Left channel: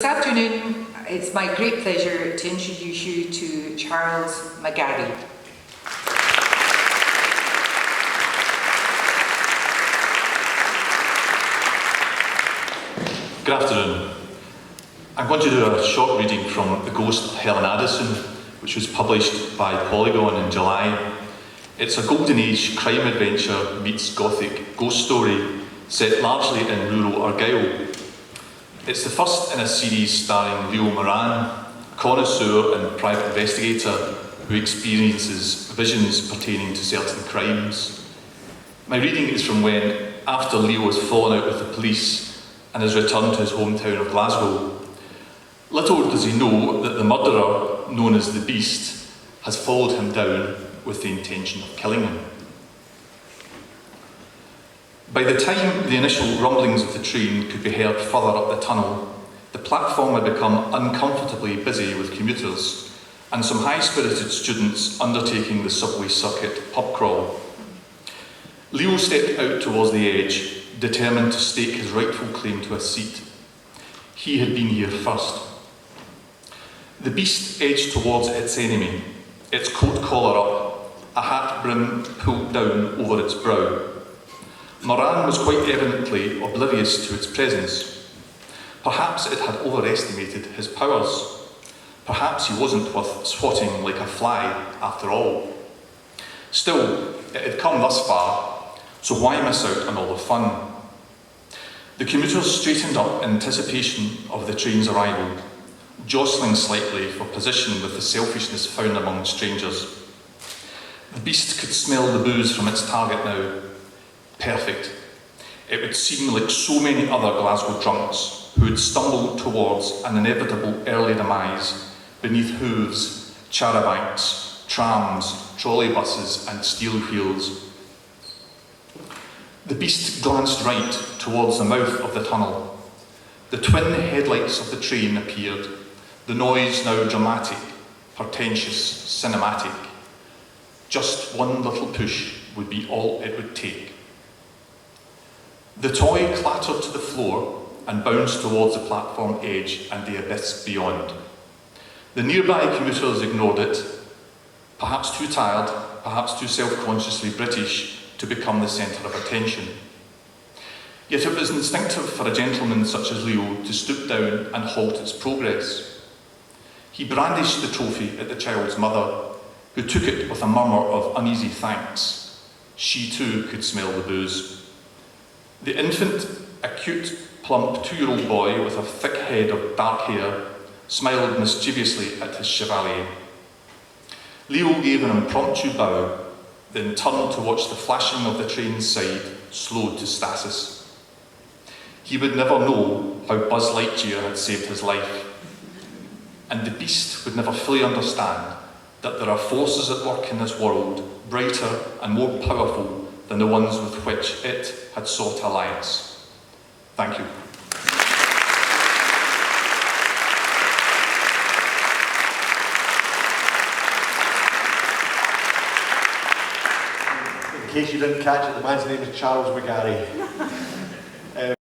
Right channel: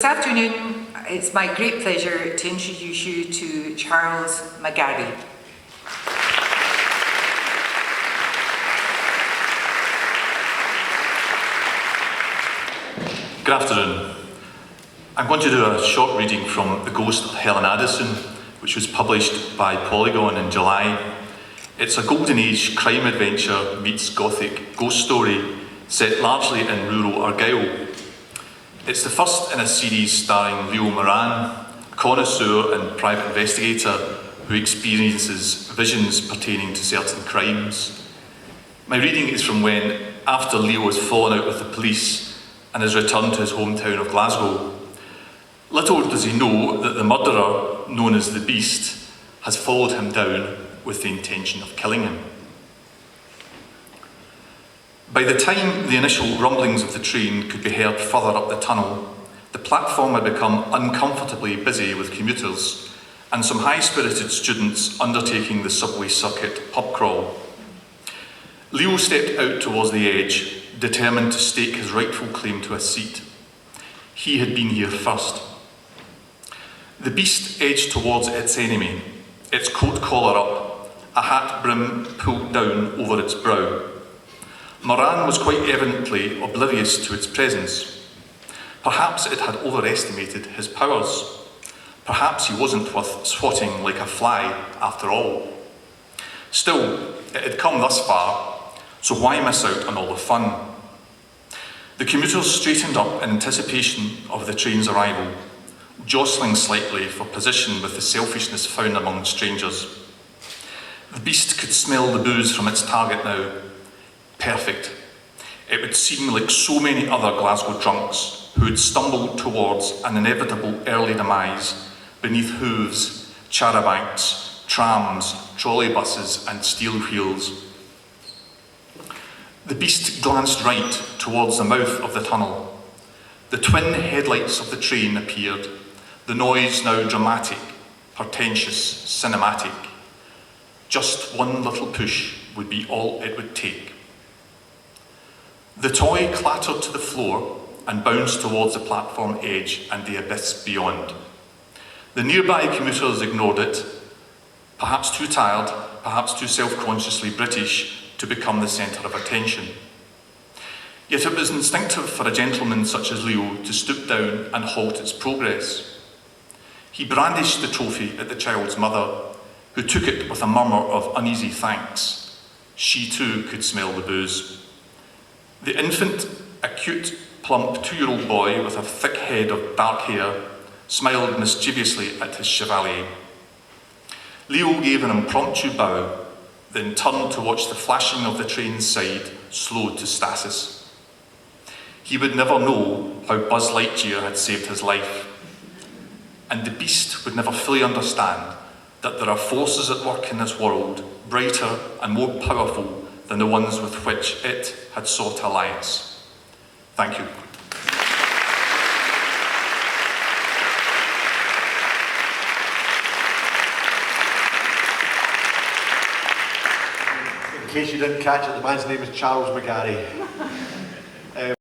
This afternoon, it's my great pleasure to introduce you to Charles McGarry. Good afternoon. I'm going to do a short reading from The Ghost of Helen Addison, which was published by Polygon in July. It's a golden age crime adventure meets gothic ghost story set largely in rural Argyll. It's the first in a series starring Leo Moran, a connoisseur and private investigator who experiences visions pertaining to certain crimes. My reading is from when, after Leo has fallen out with the police and has returned to his hometown of Glasgow. Little does he know that the murderer, known as the Beast, has followed him down with the intention of killing him. By the time the initial rumblings of the train could be heard further up the tunnel, the platform had become uncomfortably busy with commuters and some high-spirited students undertaking the subway circuit pub crawl. Leo stepped out towards the edge, determined to stake his rightful claim to a seat. He had been here first. The Beast edged towards its enemy, its coat collar up, a hat brim pulled down over its brow. Moran was quite evidently oblivious to its presence. Perhaps it had overestimated his powers. Perhaps he wasn't worth swatting like a fly after all. Still, it had come thus far, so why miss out on all the fun? The commuters straightened up in anticipation of the train's arrival, jostling slightly for position with the selfishness found among strangers. The Beast could smell the booze from its target now. Perfect. It would seem like so many other Glasgow drunks who had stumbled towards an inevitable early demise beneath hooves, charabancs, trams, trolleybuses and steel wheels. The Beast glanced right towards the mouth of the tunnel. The twin headlights of the train appeared, the noise now dramatic, portentous, cinematic. Just one little push would be all it would take. The toy clattered to the floor and bounced towards the platform edge and the abyss beyond. The nearby commuters ignored it, perhaps too tired, perhaps too self-consciously British to become the centre of attention. Yet it was instinctive for a gentleman such as Leo to stoop down and halt its progress. He brandished the trophy at the child's mother, who took it with a murmur of uneasy thanks. She too could smell the booze. The infant, a cute, plump 2-year-old boy with a thick head of dark hair, smiled mischievously at his chevalier. Leo gave an impromptu bow, then turned to watch the flashing of the train's side slowed to stasis. He would never know how Buzz Lightyear had saved his life, and the Beast would never fully understand that there are forces at work in this world brighter and more powerful than the ones with which it had sought alliance. Thank you. In case you didn't catch it, the man's name is Charles McGarry.